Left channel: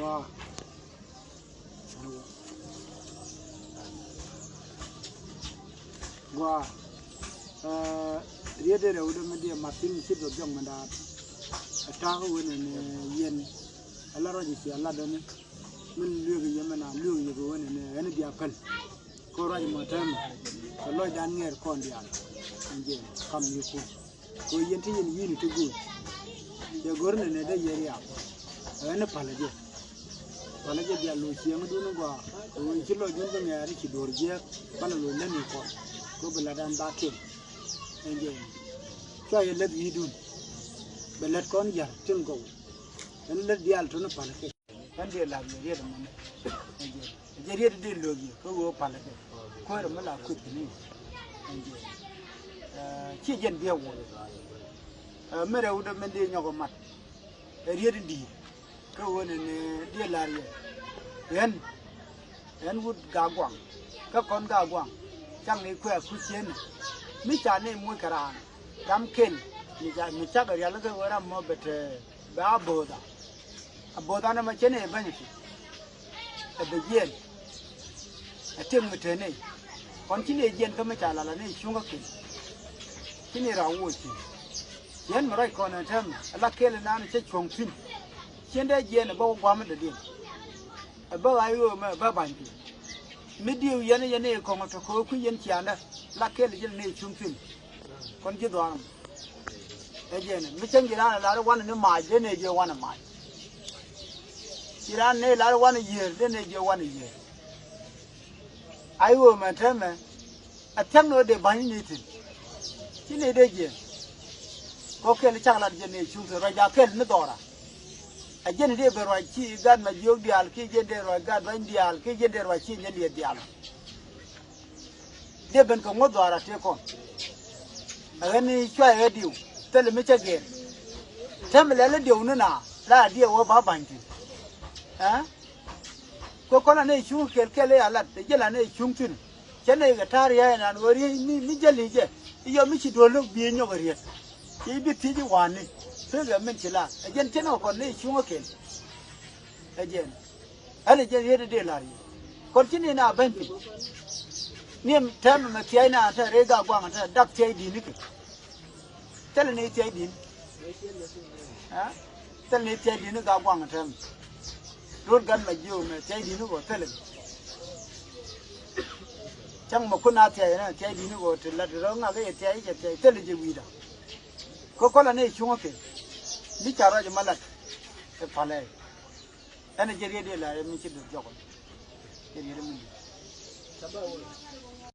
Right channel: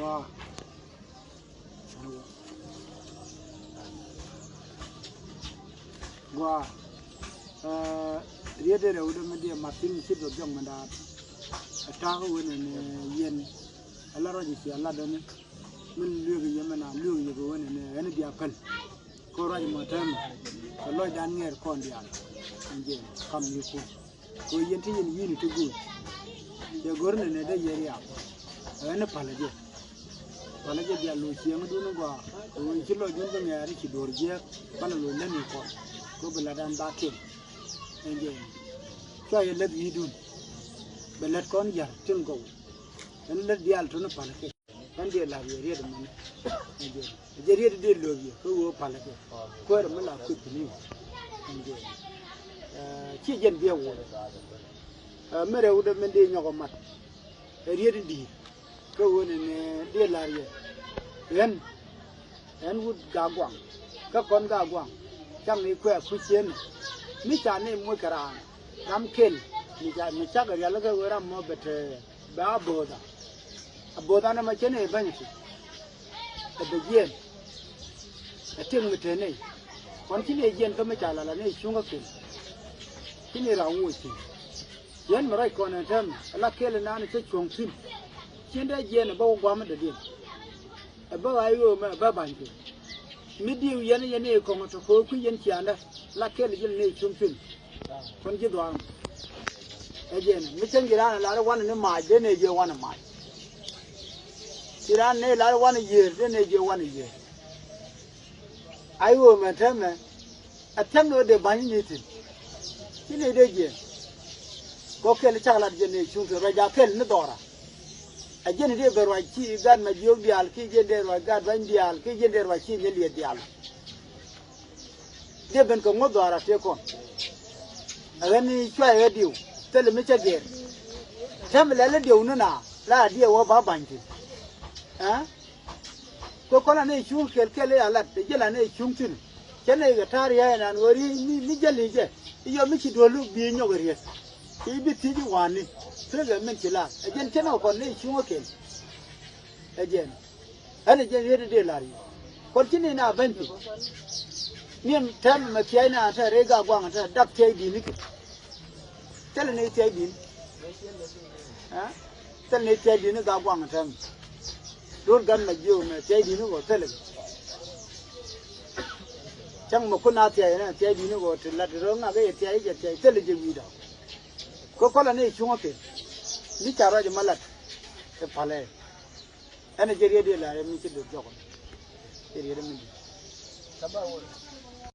Wow. Wow. Dia ada udah media Martin sih berjong mendat. Tahu ini yen. Allah rajin sih Allah dan men lugu mana lugu juga ini dia kan. Kau rajin macam kalau dan nger kon dia. Anjing kam ni pun. Kau yen tu yen tu good. Ya gorne ne da yeri ya. Ini palaje. Palaje dia lu siang dulu gua. Kau kilo junta ni hari kidor dia. Pana lu leni kau. Kau beladan bakin. Anjing. Kau yang lebih hidun. Belat kon jar tengkau. Ini lebih dia tu nak palaje. Mandi lagi dia tu mana. Anjing. Jadi dia lu kau palaje. Kau malah aku ni. Anjing. Cijen dia wo. Mereka udah mending nyokomat. Dia di. Kau ni dia lari. Yen wood gagwang. Kau kon gagwang. Kang ni kuat kucing. Micam ni mukerang. Kam kel. Micam kerja lagi orang mau betul. Baboda. Aboda ni macam ni banyak. Bagian. Ating macam ni. Koncini jen kau macam lala ni sungai kel. Kini rawat sih. Yen marai kono tem ala kele nani che chongtim chende jen ba gwam de din ba ayo ba banke midi yene ko ngoto ko ku yen tianda la kele jen ne chongtim kon ji do e jen mi changira la wan ne ma je ne je wan ma iran ne la wan ye de ne je wan ye ayo ma tem atem no de bani ni tin kini de jen ko kel chagla jene chungtu raja kel ne dora a jene de berwa chi gan ma jog dial ki jende ro ga ban dial ki jende ro chi ne li dial je ben ko ngodora te kon ani chwa e diu tele mi chage temle le diu na la die wo ba banji ha ko kola ne chung kel ala de jela ne chungtu jene ga tariya ran wori mi jeli je iyo mi chi do lo bi nyo ga riet ibi tiji wani sega minchila ajen cheno kon ne chungo ken ajen ani je yede de lari kon chini na banti nim tam ma tiana ta rega gwang ta dap te di ni tan ne te di ha tan ne te di ni ga gwang tam dur gan ma jiu ma te di ni go tele chang ma kuna te na te di ni go tele ro nga ga te je tele je wi da ko kola ne chungo ke ni kara je malat e pale ana je de la ni ci do joko je mi